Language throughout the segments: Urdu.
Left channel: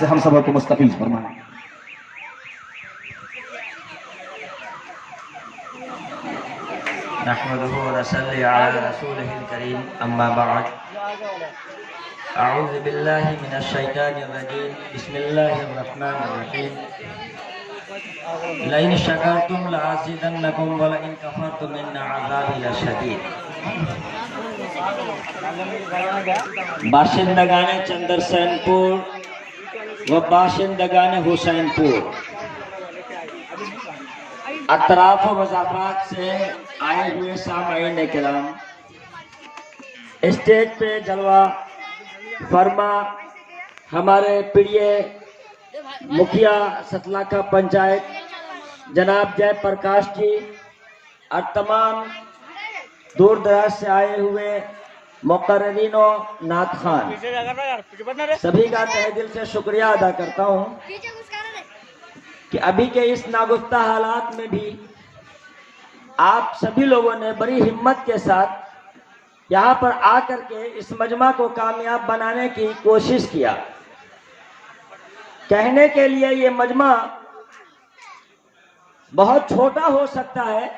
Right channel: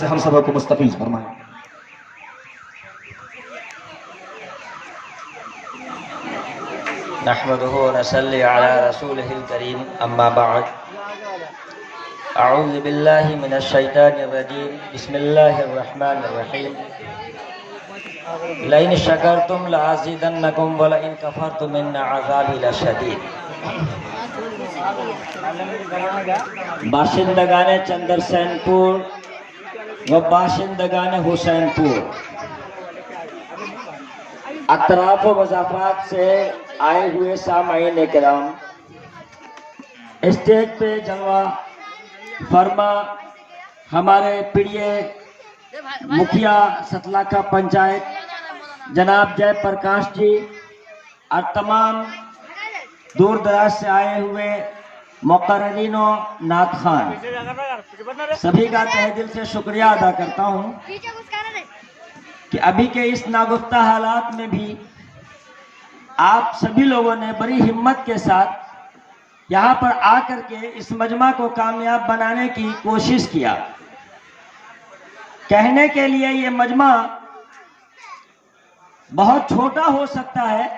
سے ہم سب کو مستفیض فرمائیں۔ نحمده ونصلي على رسوله الكريم اما بعد اعوذ بالله من الشيطان الرجيم بسم الله الرحمن الرحيم لئن شكرتم لأزيدنكم ولئن كفرتم ان عذابي لشديد۔ باشندگان چندرسین پور و باشندگان حسین پور، اطراف و مضافات سے آئے ہوئے سامعین کرام، اسٹیج پہ جلوہ فرما ہمارے پڑیے مکھیا ستلاکھا پنچایت جناب جے پرکاش جی اور تمام دور دراز سے آئے ہوئے مقررین و نعت خان، سبھی کا تہ دل سے شکریہ ادا کرتا ہوں کہ ابھی کے اس ناگفتہ حالات میں بھی آپ سبھی لوگوں نے بڑی ہمت کے ساتھ یہاں پر آ کر کے اس مجمع کو کامیاب بنانے کی کوشش کیا۔ کہنے کے لیے یہ مجمع بہت چھوٹا ہو سکتا ہے،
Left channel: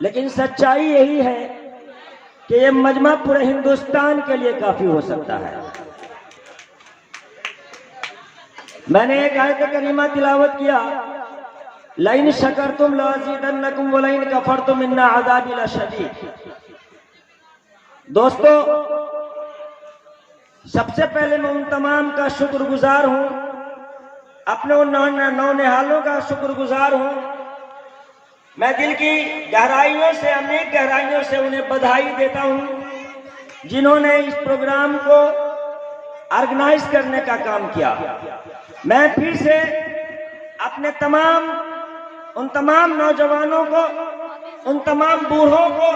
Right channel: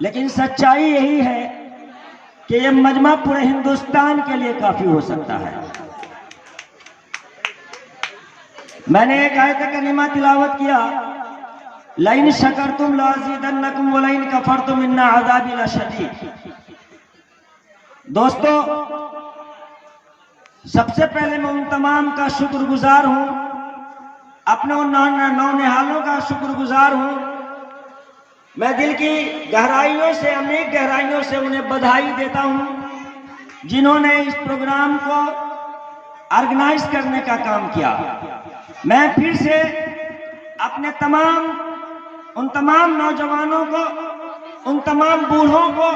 لیکن سچائی یہی ہے کہ یہ مجمع پورے ہندوستان کے لیے کافی ہو سکتا ہے۔ میں نے ایک آیت کریمہ تلاوت کیا، لئن شکرتم لازیدنکم ولئن کفرتم ان عذابی لشدید۔ دوستو، سب سے پہلے میں ان تمام کا شکر گزار ہوں، اپنے ان نونہالوں کا شکر گزار ہوں۔ میں دل کی گہرائیوں سے، عمیق گہرائیوں سے انہیں بدھائی دیتا ہوں جنہوں نے اس پروگرام کو آرگنائز کرنے کا کام کیا۔ میں پھر سے اپنے ان تمام نوجوانوں کو، ان تمام بوڑھوں کو،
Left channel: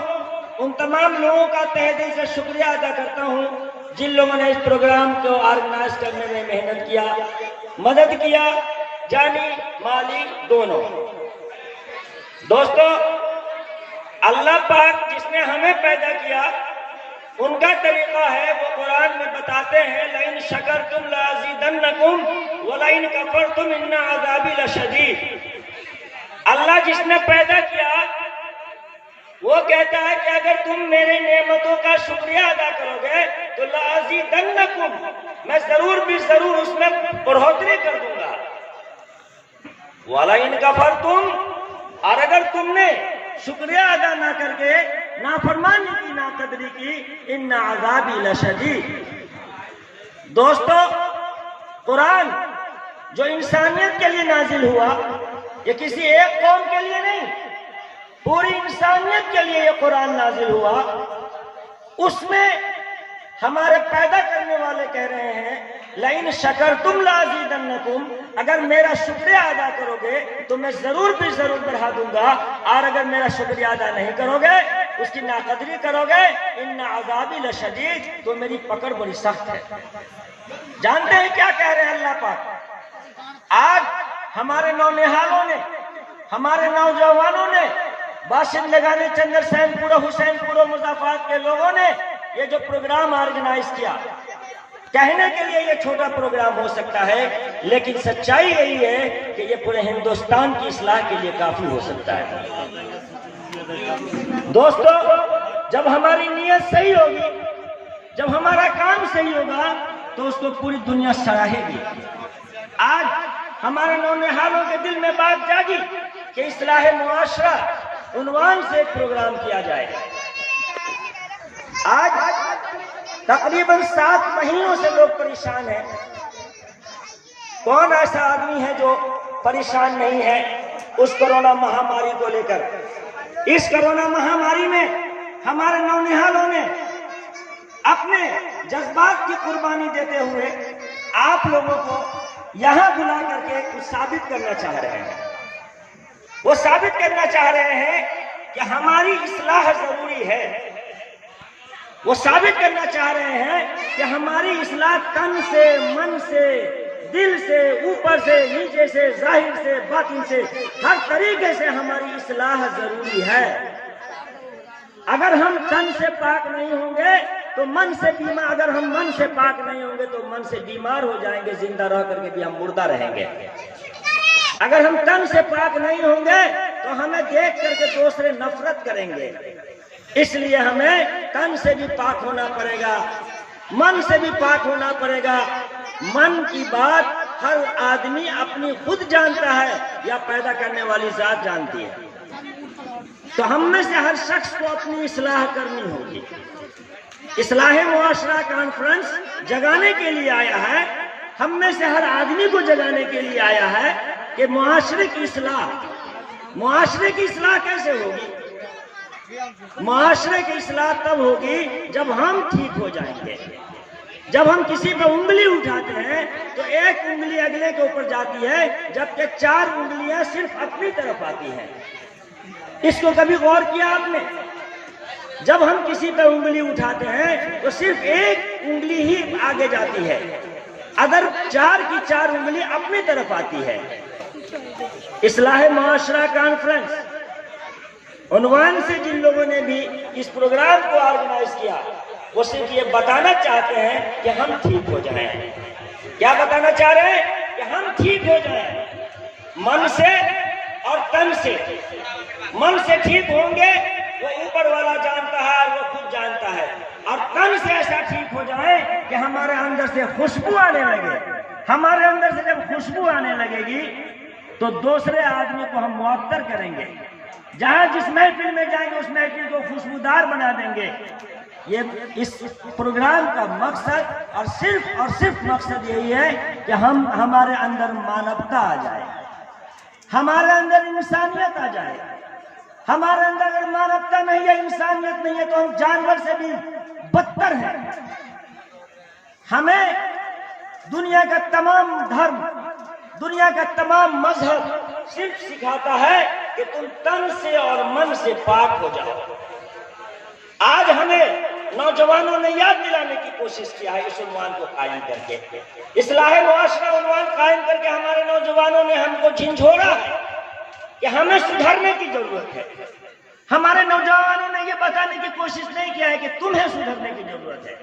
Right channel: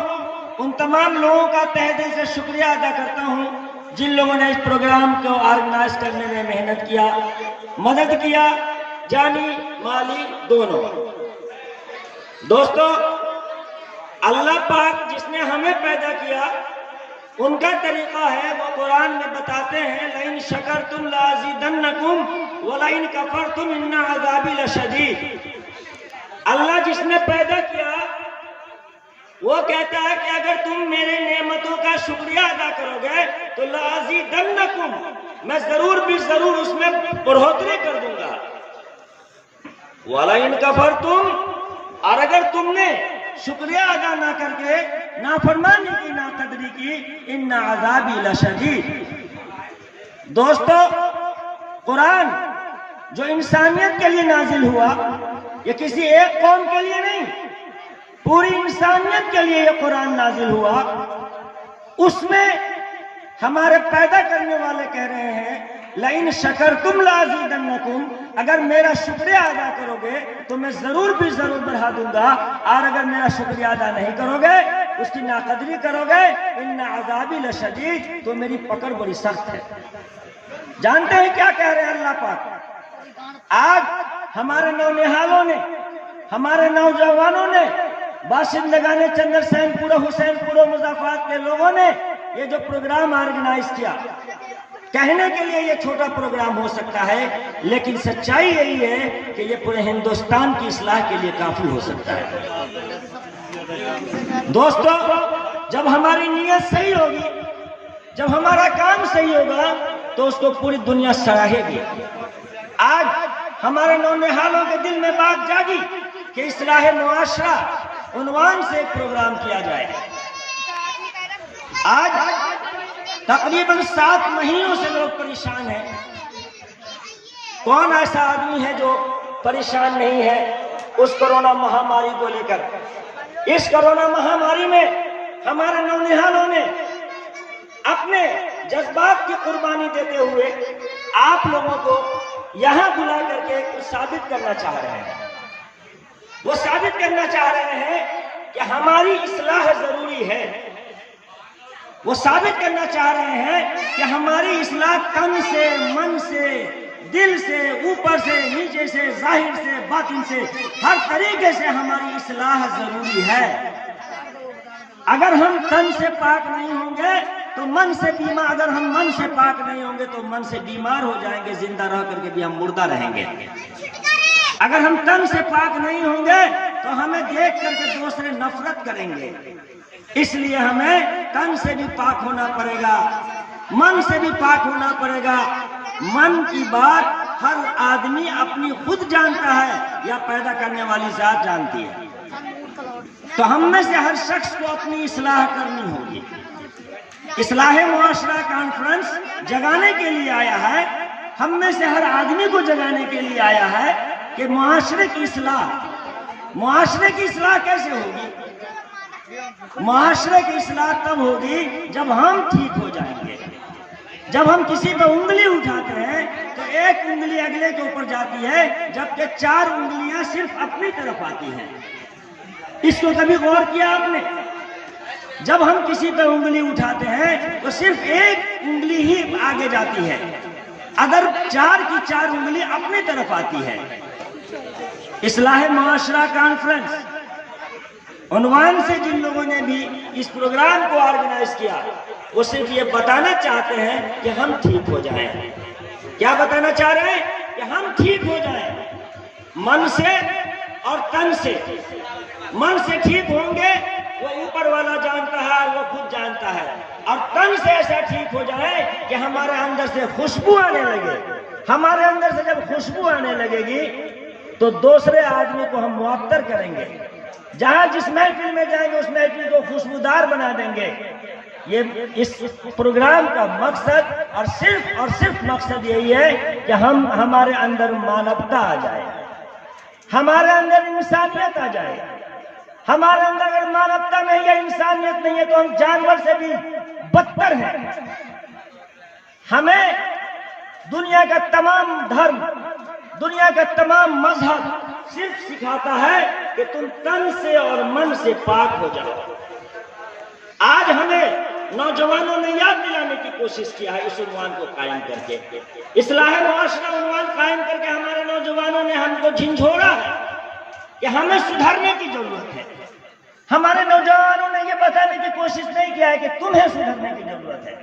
ان تمام لوگوں کا تہ دل سے شکریہ ادا کرتا ہوں جن لوگوں نے اس پروگرام کو آرگنائز کرنے میں محنت کیا، مدد کیا، جانی مالی دونوں۔ دوستو، اللہ پاک جس نے ہمیں پیدا کیا ان کا طریقہ ہے، وہ قرآن میں بتاتے ہیں لئن شکرتم لازیدنکم ولئن کفرتم ان عذابی لشدید۔ اللہ جس نے پیدا کیا وہ کہتا ہے کہ اگر تم میرے نعمتوں کا شکریہ ادا کرو گے تو لازیدنکم، میں ضرور بھی ضرور اس میں بڑھوتری کر دوں گا۔ ولئن کفرتم، اور اگر تم نے شکریہ ادا نہ کر کے نافرمانی کی، ناقدری کی، ان عذابی لشدید۔ دوستو، قرآن جو انسانیت کے لیے نازل ہوا، یہ کسی ایک قوم کے لیے نہیں، پوری انسانیت کے لیے یہ قرآن نازل ہوا۔ اس میں ہمارے پیدا کرنے والے کہہ رہے ہیں لئن شکرتم لازیدنکم، اگر میرا شکریہ ادا کرو گے تو میں ضرور بھی ضرور بڑھا دوں گا، اور اگر میرا شکریہ ادا نہیں کرو گے، اس کی ناقدری کرو گے، ان عذابی لشدید، تو میری پکڑ بڑی سخت ہے۔ جانتے ہیں کیا کہہ رہے ہیں اللہ پاک؟ آج ہمارے نونہالوں نے، ہمارے نوجوانوں نے، باشندگان چندرسین پور، حسین پور، مضافات کے لوگوں نے یہ جو پروگرام آرگنائز کیا، کہنے کے لیے یہ چھوٹا پروگرام ہو سکتا ہے، لیکن سچائی یہی ہے کہ یہ پورے ہندوستان کی اصلاح کے لیے کافی ہو سکتا ہے۔ دوستو، جب ہماری نیت صحیح ہوگی، جب ہمارا کام صحیح ہوگا تو اس کو پوری دنیا سراہے گی۔ آج ہمارے نونہالوں کے دل میں بات جاگی کہ اصلاح معاشرہ عنوان سے ایک پروگرام کیا جائے۔ آج تقریباً 7 مہینوں سے لوگ پریشان ہیں۔ کون ایسا آدمی ہے جو پریشان نہیں ہے اس کرونا مہاماری کو لے کر؟ اس کرونا مہاماری میں ہمارے نونہالوں نے اپنے جذبات کی قربانی دیتے ہوئے آپ لوگوں کو یہاں بلا کر کے کچھ ثابت کرنا چاہ رہے ہیں۔ وہ ثابت کرنا چاہ رہے ہیں کہ ہماری اصلاح ضروری ہے۔ وہ ثابت کرنا چاہ رہے ہیں کہ ہماری اصلاح تن سے، من سے، دل سے، اوپر سے، نیچے سے، ظاہر سے، باطن سے، ہر طریقے سے ہماری اصلاح ضروری ہے۔ اگر ہم تن سے پاک نہیں ہوں گے تو تو من سے بیمار، اگر ہم من سے پاک نہیں ہوں گے تو من سے بیمار ہو جائیں گے، زندہ رہ کر کے بھی ہم مردہ رہیں گے۔ اگر ہم تن سے پاک نہیں ہوں گے تو ہمیں دیکھ کر کے دوسرے نفرت کریں گے۔ اس لیے ہمیں تن سے بھی پاک ہونا پڑے گا، من سے بھی پاک ہونا پڑے گا۔ من کی بات ہر آدمی اپنی خود جانتا ہے یا پیدا کرنے والی ذات جانتی ہے۔ تو ہم میں سے ہر شخص کو اپنی اصلاح کرنی ہوگی۔ اصلاح معاشرہ کانفرنس جگانے کے لیے آیا ہے، ہم میں سے ہر آدمی کو جگانے کے لیے آیا ہے کہ معاشرے کی اصلاح، معاشرے کی اصلاح کیسے ہوگی؟ معاشرے کی اصلاح تب ہوگی جب ہم ٹھیک ہو جائیں گے۔ جب ہم کسی پہ انگلی اٹھاتے ہیں تو ایک انگلی اگلے کے اوپر جاتی ہے، جبکہ 4 انگلیاں صرف اپنی طرف آتی ہیں۔ اس کو کبھی غور کیا آپ نے؟ جب ہم کسی پہ انگلی اٹھاتے ہیں تو صرف ایک انگلی ہی آگے جاتی ہے، اگر 4 کی 4 انگلی اپنی طرف آتی ہے۔ اصلاح معاشرہ کانفرنس عنوان سے جن لوگوں نے بھی اس پروگرام کو آرگنائز کیا، وہ صرف یہ بتانا چاہتے ہیں کہ ہم ٹھیک ہو جائیں۔ کیا بتانا چاہ رہے ہیں؟ کہ ہم ٹھیک ہو جائیں، من سے اور تن سے۔ من سے ٹھیک ہوں گے، وہ اوپر والا جانتا ہے، وہ خود جانتا ہے، اور تن سے ایسا ٹھیک ہو جائے کہ ہمارے اندر سے خوشبو آنے لگے۔ ہمارے اندر سے جب خوشبو آنے لگے گی تو دوسرے آدمی کو ہم معطر کریں گے، جہاں جس محفل میں جائیں گے اس محفل کو خوشبودار بنا دیں گے۔ یہ اس پروگرام کا مقصد اور صرف مقصد یہی ہے کہ ہمارے اندر مانوتا آ جائے، ہمارے اندر انسانیت آ جائے۔ ہمارے اندر اگر مانوتا نہیں ہے، انسانیت نہیں ہے، تو ہم جانور سے بھی بدتر ہیں۔ ہمیں دنیا کا تمام دھرم، دنیا کا تمام مذہب صرف سکھاتا ہے کہ تم تن سے اور من سے پاک ہو جاؤ۔ آج ہمیں نوجوانوں نے یاد دلانے کی کوشش کیا ہے اس عنوان کو قائم کر کے، اصلاح معاشرہ عنوان قائم کر کے ہمارے نوجوانوں نے ہم کو جھنجھوڑا ہے کہ ہمیں سدھرنے کی ضرورت ہے۔ ہمارے نوجوانوں نے یہ بتانے کی کوشش نہیں کیا ہے کہ تمہیں سدھرنے کی ضرورت ہے۔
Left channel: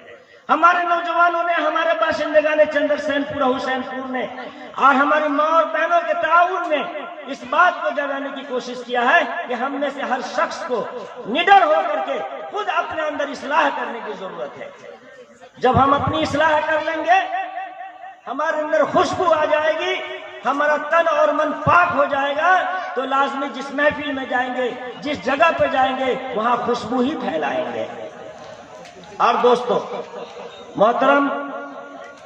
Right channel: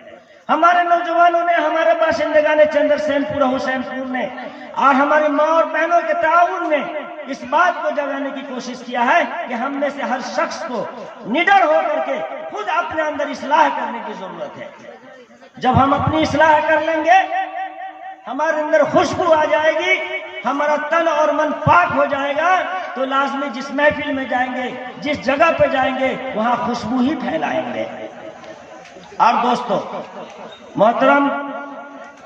ہمارے نوجوانوں نے، ہمارے باشندگان چندر سین پور، حسین پور نے اور ہماری ماں اور بہنوں کے تعاون نے اس بات کو جگانے کی کوشش کیا ہے کہ ہم میں سے ہر شخص کو نڈر ہو کر کے خود اپنے اندر اصلاح کرنے کی ضرورت ہے۔ جب ہم اپنی اصلاح کر لیں گے، ہمارے اندر خوشبو آ جائے گی، ہمارا تن اور من پاک ہو جائے گا، تو لازمی جس محفل میں جائیں گے، جس جگہ پہ جائیں گے، وہاں خوشبو ہی پھیلائیں گے۔ اور دوستو محترم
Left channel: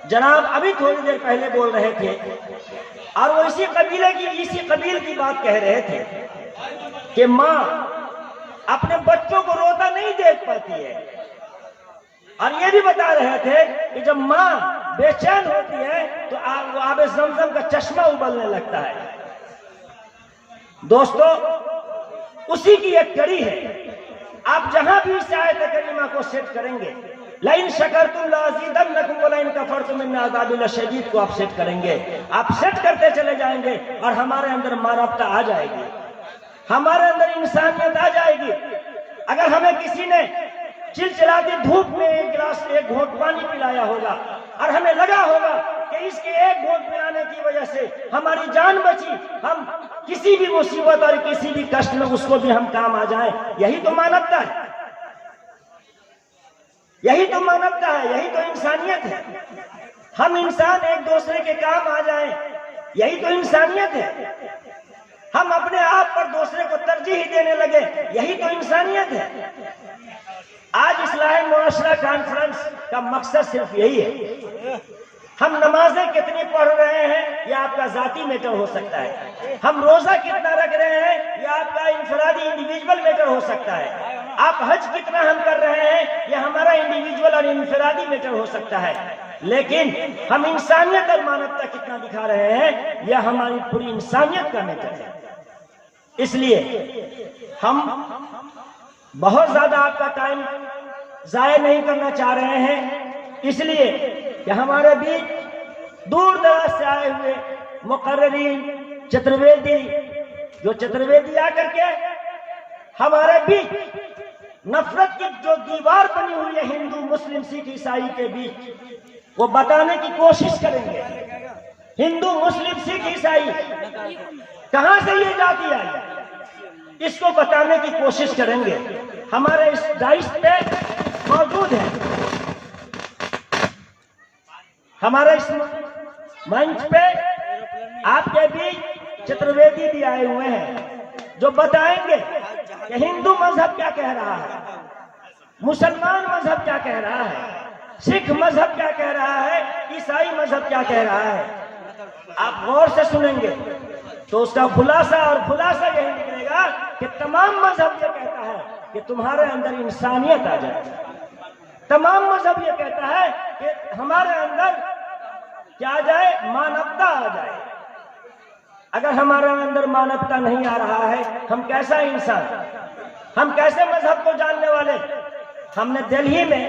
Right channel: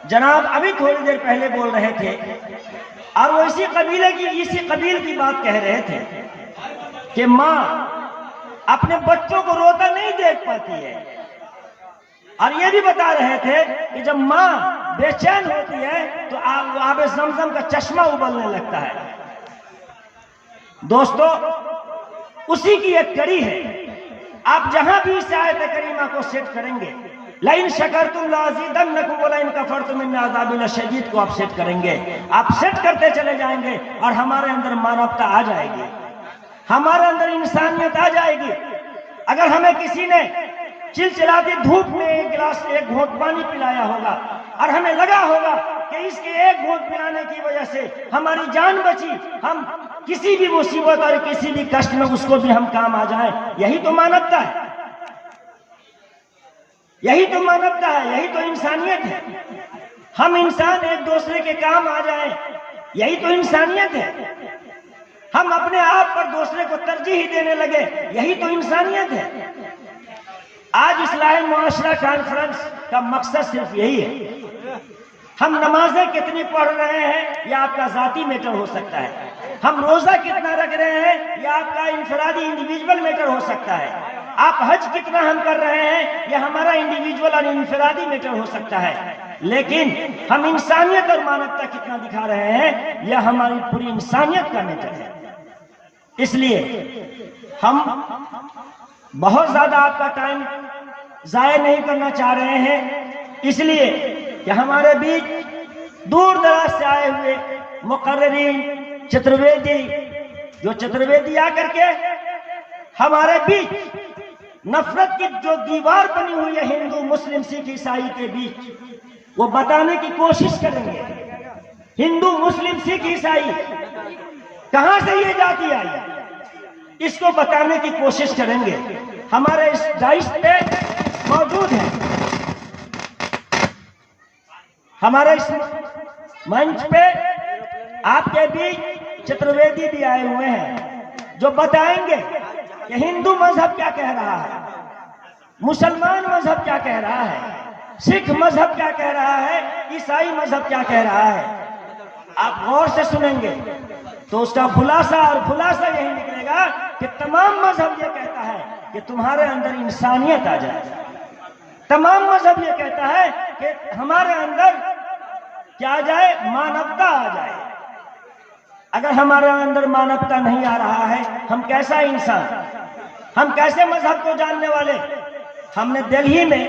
جناب ابھی تھوڑی دیر پہلے بول رہے تھے اور وہ اسی قبیل کی بات کہہ رہے تھے کہ ماں اپنے بچوں کو روتا نہیں دیکھ پاتی ہے، اور یہ بھی بتا رہے تھے کہ جب ماں بے چین ہوتی ہے تو آب زمزم کا چشمہ ابلنے لگتا ہے۔ دوستو اسی کی ایک کڑی ہے۔ آپ جہاں بھی اس آیت کریمہ کو سیٹ کریں گے، لَإِن شَكَرْتُمْ لَأَزِيدَنَّكُمْ وَلَئِن كَفَرْتُمْ إِنَّ عَذَابِي لَشَدِيدٌ کو آپ سیٹ کریں گے، آپ سیٹ کرتے چلے جائیں گے اور ہمارے اندر مانوتا آ جائے گی، ہمارے اندر انسانیت آ جائے گی۔ اگر ہمیں کسی نے چلچلاتی دھوپ میں ایک گھونٹ پانی پلایا ہوگا اور ہمیں لگا ہوگا کہ اس کے ایک گھونٹ پلانے کی وجہ سے ہماری جان بچی، ہم کسی بھی مصیبت اور کسی بھی کشٹ میں اس کو بھی ہم کام آ جائیں، یہی تو مانوتا ہے، یہی تو مانوتا ہے، یہی تو انسانیت ہے۔ ہم انسان ایک دوسرے کے کام آ جائیں، یہی تو انسانیت ہے۔ ہم اپنے آپ پر دوسرے کو ترجیح دینے لگے، یہی تو انسانیت ہے۔ آج اصلاح معاشرہ کانفرنس کا مقصد صرف یہی ہے۔ ہم نمازیں کتنی پڑھ رہے ہیں یہ آپ کا ذاتی میٹر ہو سکتا ہے، ہم روزہ کتنا رکھ رہے ہیں یہ آپ کا انفرادی انڈیویجول میٹر ہو سکتا ہے، آپ حج کتنا ہم کر رہے ہیں یہ ہمارا انڈیویجول اور انفرادی میٹر ہو سکتا ہے، لیکن ہم انسانیت اور مانوتا کتنا دکھا رہے ہیں یہ ہماری پوری انسانیت کا میٹر ہے۔ اس لیے ہم بہت زیادہ آپ کا ٹائم ضائع نہیں کرنا چاہ رہے ہیں، اس لیے کہ ہمارے بیچ دور دراز سے آئے ہوئے مقررین چترویدی، جو چترویدی آ کر کے ہمارے بیچ نفرت کی جو دیوار بنی ہوئی ہے ہندو مسلم سکھ عیسائی کے بیچ، وہ بتانے کی کوشش کریں گے ہندو مسلم سکھ عیسائی کہاں سے یہ جاتی آئی، اس کو بتانے کی کوشش کریں گے۔ ہمارے اس ڈائس پہ موجود ہے، ہمارے اس منچ پہ آپ کے بھی چترویدی بھی آئے ہوئے ہیں جو بتائیں گے کہ ہندو مذہب کیا کہہ رہا ہے، مسلمان مذہب کیا کہہ رہا ہے، سکھ مذہب کیا کہہ رہا ہے، عیسائی مذہب کیا کہہ رہا ہے۔ آپ غور سے سنیں گے تو اس کا خلاصہ یہی نکلے گا کہ تمام مذہب یہ کہتا ہے کہ تمہارے اندر انسانیت آ جائے، تمام مذہب یہ کہتا ہے کہ ہمارے اندر کیا آ جائے، مانوتا آ جائے۔ اگر ہمارے اندر مانوتا نہیں آ رہا ہے، ہم کیسا انسان، ہم کیسے مذہب کو جاننے والے؟ ہم نے دلہی میں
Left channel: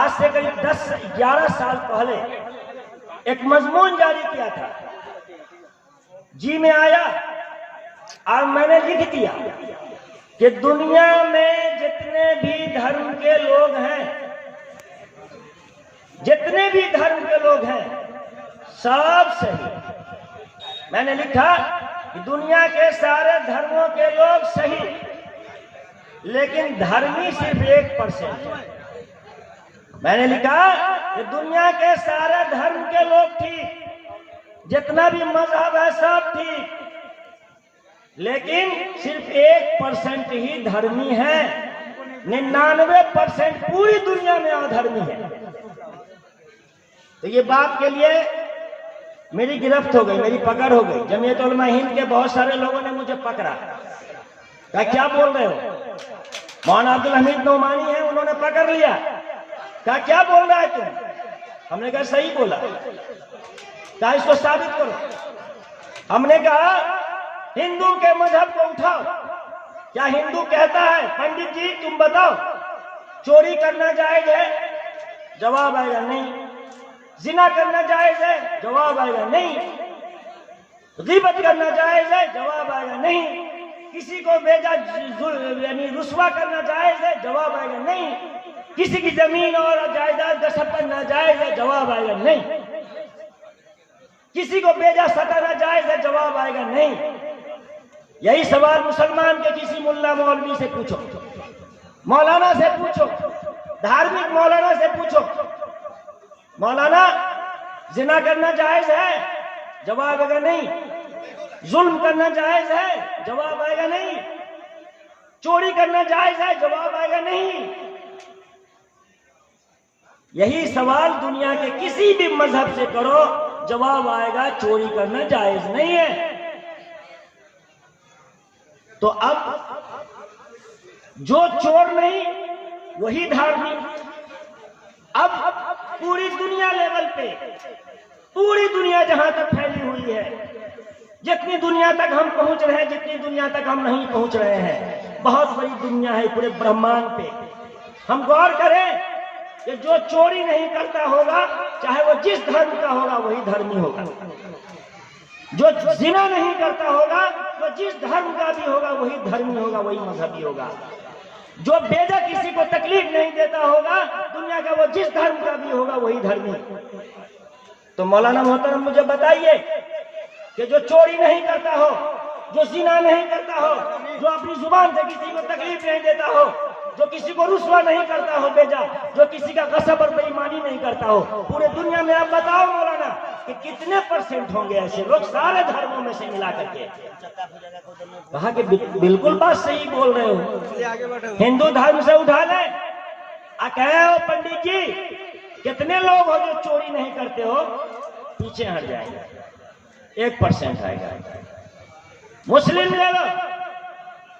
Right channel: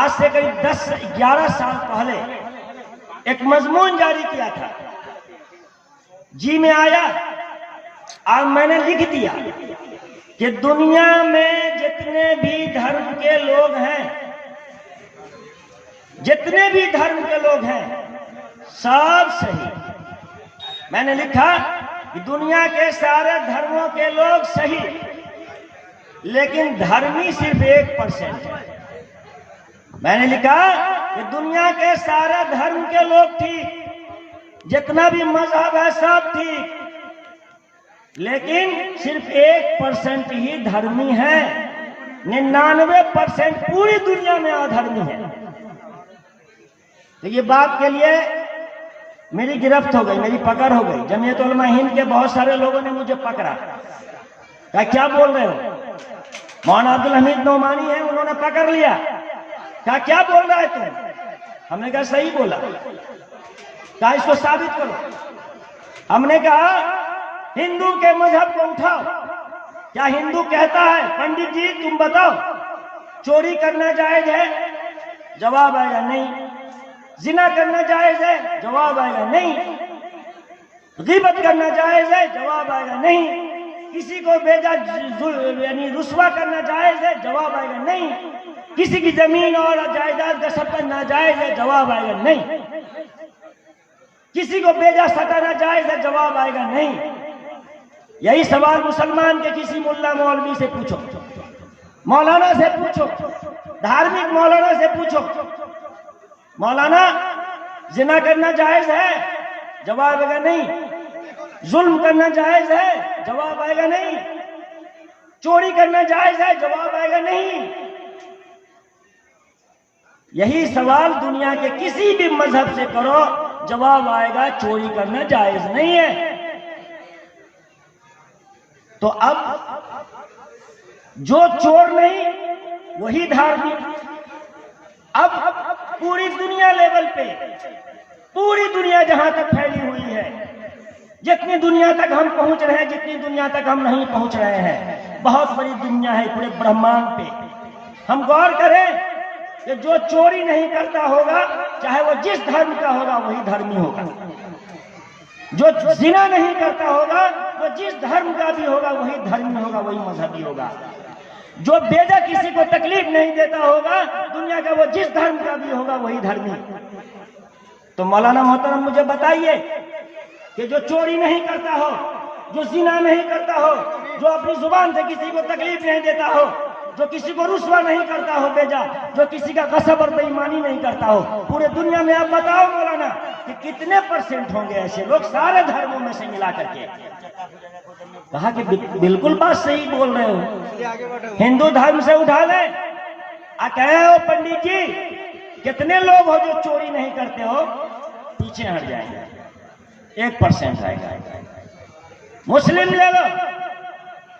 آج سے قریب 10-11 سال پہلے ایک مضمون جاری کیا تھا، جی میں آیا اور میں نے لکھ دیا کہ دنیا میں جتنے بھی دھرم کے لوگ ہیں، جتنے بھی دھرم کے لوگ ہیں سب صحیح۔ میں نے لکھا کہ دنیا کے سارے دھرموں کے لوگ صحیح، لیکن دھرمی صرف 1% ہے۔ میں نے لکھا کہ دنیا کے سارے دھرم کے لوگ ٹھیک، جتنا بھی مذہب ہے سب ٹھیک، لیکن صرف 1% ہی دھرمی ہے، 99% پوری دنیا میں ادھرمی ہے۔ تو یہ بات کے لیے میری گرفت ہو گئی، میری پکڑ ہو گئی۔ جمعیت علماء ہند کے بہت سارے لوگوں نے مجھے پکڑا، کہا کیا بول رہے ہو؟ مولانا عبدالحمید نعمانی ہیں، انہوں نے پکڑ لیا، کہا کیا بول رہا ہے تم؟ ہم نے کہا صحیح بولا، کہا اس کو ثابت کرو۔ ہم نے کہا ہندو کے مذہب کو اٹھاؤ، کیا ہندو کہتا ہے پنڈت جی تم بتاؤ چوری کرنا جائز ہے؟ جواب آئے گا نہیں۔ زنا کرنا جائز ہے؟ جواب آئے گا نہیں۔ غیبت کرنا جائز ہے؟ جواب آئے گا نہیں۔ کسی کو بیجا یعنی رسوا کرنا جائز ہے؟ جواب آئے گا نہیں۔ کسی کی زمین اور جائیداد غصب کرنا جائز ہے؟ جواب آئے گا نہیں۔ کسی کو بیجا ستانا جائز ہے؟ جواب آئے گا نہیں۔ یہی سوال مسلمان کے کسی ملا مولوی سے پوچھو، مولانا سے پوچھو، دھارمک مولانا سے پوچھو، مولانا زنا کرنا جائز ہے؟ جواب آئے گا نہیں۔ ظلم کرنا جائز ہے؟ جواب آئے گا نہیں۔ چوری کرنا جائز ہے؟ جواب آئے گا نہیں۔ یہی سوال دنیا کے کسی بھی مذہب سے کرو، جواب آئے گا چوری کرنا جائز نہیں ہے۔ تو اب جو چور نہیں وہی دھارمک۔ اب پوری دنیا لیول پہ، پوری دنیا جہاں تک پھیلی ہوئی ہے، جتنی دنیا تک ہم پہنچ رہے ہیں، جتنی دنیا تک ہم نہیں پہنچ رہے ہیں، بہت بڑی دنیا ہے پورے برہمانڈ پہ۔ ہم غور کریں کہ جو چوری نہیں کرتا ہوگا، چاہے وہ جس دھرم کا ہوگا وہی دھرمی ہوگا۔ جو زنا نہیں کرتا ہوگا، وہ جس دھرم کا بھی ہوگا وہی دھرمی ہوگا، وہی مذہبی ہوگا۔ جو بیجا کسی کو تکلیف نہیں دیتا ہوگا دنیا کا، وہ جس دھرم کا بھی ہوگا وہی دھرمی۔ تو مولانا محترم مجھے بتائیے کہ جو چوری نہیں کرتا ہو، جو زنا نہیں کرتا ہو، جو اپنی زبان سے کسی کو تکلیف نہیں دیتا ہو، جو کسی کو رسوا نہیں کرتا ہو بیجا، جو کسی کا غصب اور بے ایمانی نہیں کرتا ہو، پورے دنیا میں آپ بتاؤ مولانا کہ کتنے % ہوں گے ایسے لوگ سارے دھرموں میں سے ملا کر کے؟ کہا کہ بالکل بات صحیح بول رہے ہو، ہندو دھرم سے اٹھا لیں۔ کہے ہو پنڈت جی کتنے لوگ ہو جو چوری نہیں کرتے ہو؟ پیچھے ہٹ جائیں گے، 1% آئے گا۔ مسلم لے لو،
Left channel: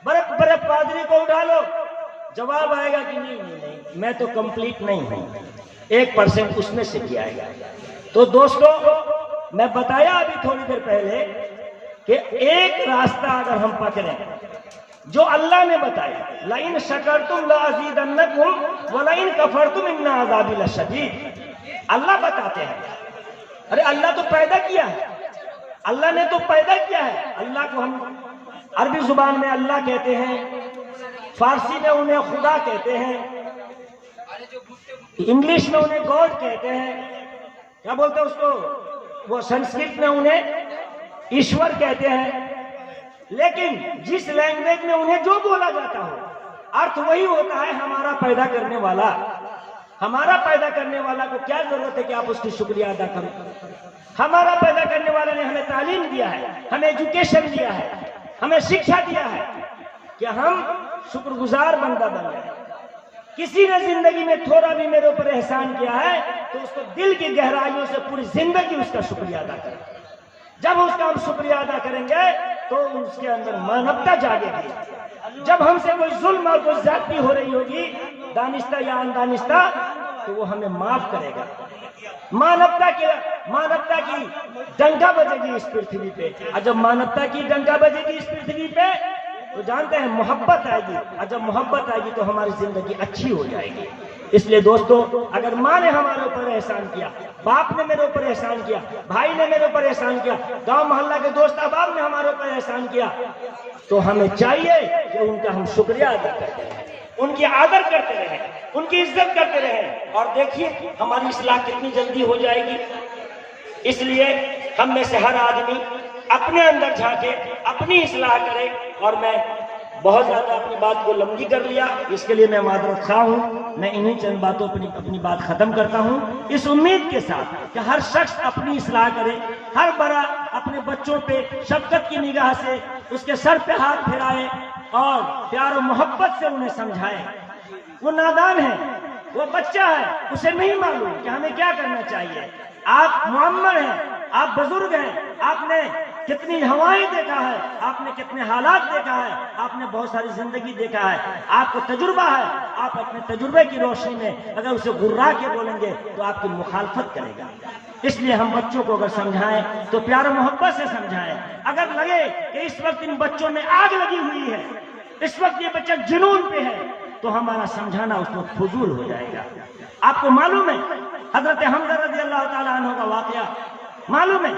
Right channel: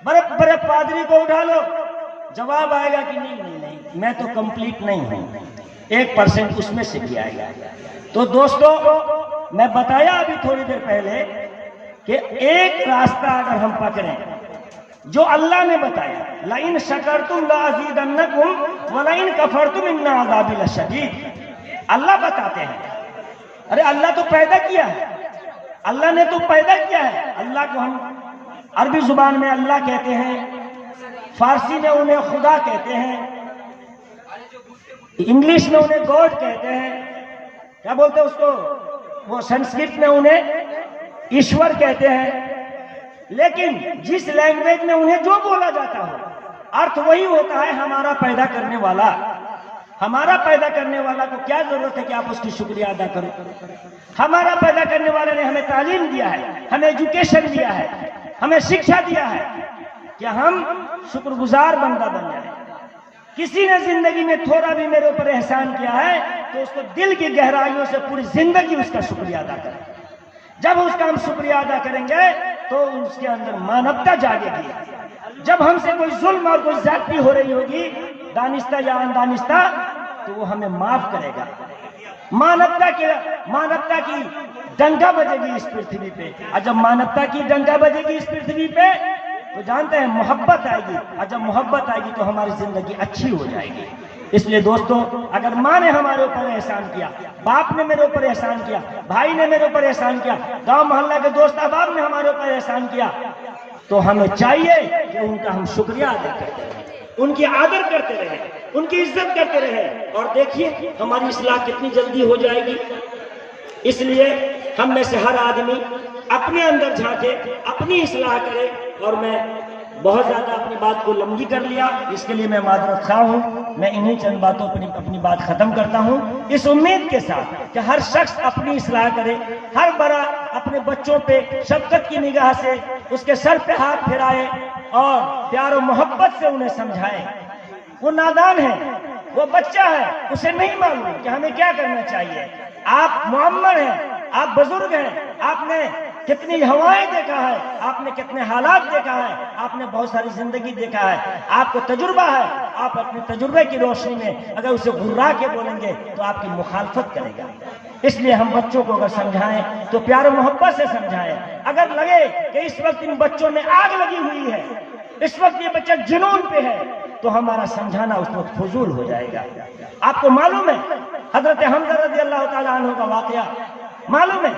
بڑے بڑے پادری کو اٹھا لو، جواب آئے گا کہ نہیں میں تو کمپلیٹ نہیں ہوں، 1% اس میں سے بھی آئے گا۔ تو دوستو میں بتایا ابھی تھوڑی دیر پہلے کہ ایک راستہ اگر ہم پکڑیں جو اللہ نے بتایا، لَإِن شَكَرْتُمْ لَأَزِيدَنَّكُمْ وَلَإِن كَفَرْتُمْ إِنَّ عَذَابِي لَشَدِيدٌ۔ اللہ بتاتے ہیں، ارے اللہ تو پیدا کیا ہے، اللہ نے تو پیدا کیا ہے۔ اللہ کو ہم عربی زبان میں اللہ کہتے ہیں، فارسی میں انہیں خدا کہتے ہیں، انگلش میں انہیں گاڈ کہتے ہیں، کیا بولتے ہیں اس کو، وہ سنسکرت میں انہیں ایشور کہتے ہیں، لیکن جس لینگویج میں انہیں جو بولا جاتا ہو ارتھ وہی ہوتا ہے ہمارا پیدا کرنے والا۔ ہمارا پیدا کرنے والا کو کیا ضرورت ہے کہ آپ اس کی شکریہ ادا کرو؟ ہمارا پیدا کرنے والے نے ہمیں تعلیم دیا ہے، ہمیں ایجوکیشن دیا ہے، ہمیں شکشا دیا ہے کہ ہم شکر گزار بندہ بن جائیں۔ کسی نے زندگی میں تھوڑا بھی میرے اوپر احسان کیا ہے تو اس کو دل کی گہرائیوں سے پوری زندگی اس کا شکریہ ادا کریں۔ جب اس کا ہم شکریہ ادا کریں گے تو اس کے اندر مانوتا جاگے گی۔ جب ہم سے کوئی ظلم اور کوئی زیادتی ہو رہی ہوگی دانستہ یا اندانستہ تو وہ ہمیں معاف کرے گا۔ مانوتا کی ڈنکا بجے گی اس پرتھوی پہ، اور جب مانوتا کی ڈنکا بجے گی اس پرتھوی پہ تو جانتے ہیں محبت آئے گی، اور جب محبت آئے گی تو ہماری زندگی اچھی ہو جائے گی۔ اس لیے دوستو، اگر ماں نے ہمارے اوپر احسان کیا، باپ نے میرے اوپر احسان کیا، بھائی نے میرے اوپر احسان کیا، گاؤں محلہ کے دوست احباب نے ہمارے اوپر احسان کیا، تو ہمیں چاہیے کہ ان کا ہم شکریہ ادا کرتے رہیں، ان کی آدر کرتے رہیں، ان کی عزت کرتے رہیں، اور دیکھیے ہماری اصلاح کتنی جلدی ہو جائے گی۔ اس لیے ہم میں سے ہر آدمی اپنے اندر جھانکے، اپنی اصلاح کرے، اور میں بہت زیادہ اپنی بات کو لمبی کر لیا، اس کے لیے میں معذرت خواہ ہوں۔ میں انہیں چند باتوں پر اپنی بات ختم کرتا ہوں، اس امید کے ساتھ کہ ہر شخص اپنی اصلاح کرے، ہر بڑا اپنے بچوں پہ شفقت کی نگاہ سے اس کے سر پہ ہاتھ پھیرائے اور پیار و محبت سے انہیں سمجھائے۔ وہ نادان ہے، وہ بچہ ہے، اسے نہیں معلوم کہ ہمیں کیا کرنا چاہیے۔ آپ معمر ہیں، آپ بزرگ ہیں، آپ نے کتنی ہوائیں دیکھا ہے، آپ نے کتنے حالات دیکھا ہے، آپ نے بہت ساری زندگی دیکھا ہے، آپ کو تجربہ ہے۔ آپ اپنے تجربے کی روشنی میں اگر اسے گھرا کے بولیں گے تو آپ کی مخالفت کرے گا۔ اس لیے ہم بچوں کو اگر سمجھائیں تو پیار و محبت سے سمجھائیں۔ اگر لگے کہ اس وقت ان بچوں میں آگ لگی ہوئی ہے، اس وقت یہ بچہ جنون پہ ہے، تو ہمارا سمجھانا اس وقت فضول ہو جائے گا۔ آپ کو معلوم ہے حضرت حمزہ رضی اللہ تعالیٰ عنہ کا واقعہ، معلوم ہے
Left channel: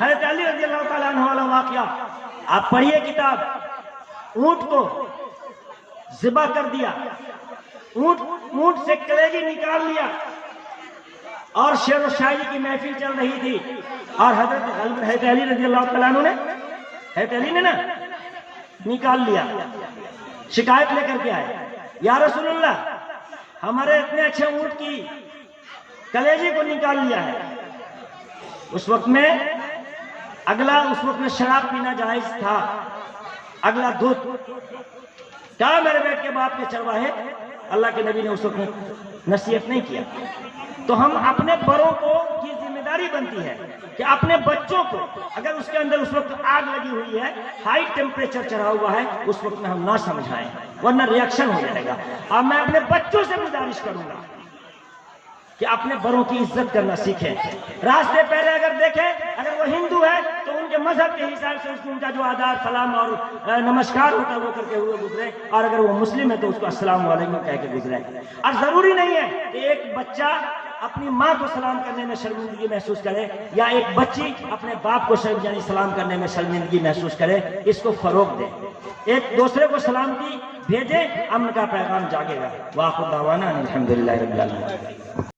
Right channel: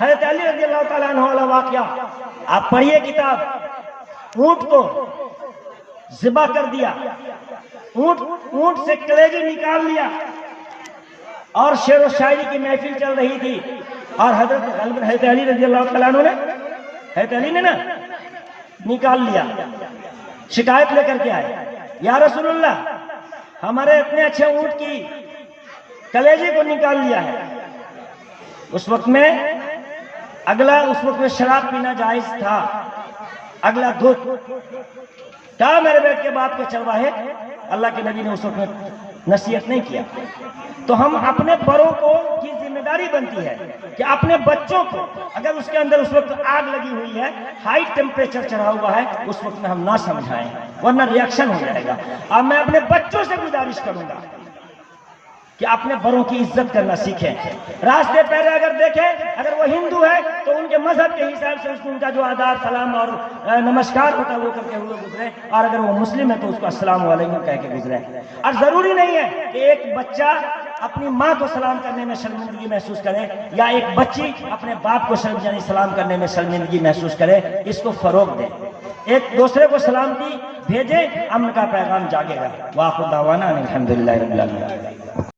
حضرت علی رضی اللہ تعالیٰ عنہ والا واقعہ، آپ پڑھیے کتاب۔ اونٹ کو ذبح کر دیا، اونٹ سے کلیجی نکال لیا، اور شعر و شاعری کی محفل چل رہی تھی، اور حضرت علی رضی اللہ تعالیٰ عنہ نے، حضرت علی نے نا نکال لیا، شکایت لے کر کے آئے، یا رسول اللہ ہمارے اتنے اچھے اونٹ کی کلیجی کو نکال لیا ہے۔ اس وقت میں شراب پینا جائز تھا، اگلا دودھ کہا میرے بیٹے کے باپ کے چرواہے، اللہ کے نبی نے اس وقت نصیحت نہیں کیا۔ تو ہم اپنے بڑوں کو کی ذمہ داری بنتی ہے کہ اپنے بچوں کو اگر اس کے اندر اس وقت آگ لگی ہوئی ہے، ہائی ٹیمپریچر چڑھا ہوا ہے، اس وقت میں ہم نہ سمجھائیں ورنہ ریاکشن ہو جائے گا۔ اب میں اپنے بچوں سے گزارش کروں گا کہ اپنے بڑوں کی عزت کرنا سیکھیں۔ راستے پہلے اگر دیکھیں، اگر وہ ہندو ہے تو ان کے مذہب کے حساب سے ان کا جو آداب سلام اور نمسکار ہوتا ہے وہ کر کے ہوئے گزرے، اور اگر وہ مسلم ہے تو اس کو السلام علیکم کہہ کے گزرے۔ اور ضروری نہیں ہے کہ ایک بچہ اپنی ماں کو سلام کرنے میں شرمندگی محسوس کرے، یا ایک بچی اپنے باپ کو سلام کرنے میں شرمندگی محسوس کرے۔ اس کو فروغ دیں، ایک دوسرے کو سلامتی بھیجیں، امن کا پیغام جاگے گا۔ وآخر دعوانا الحمدللہ رب العالمین۔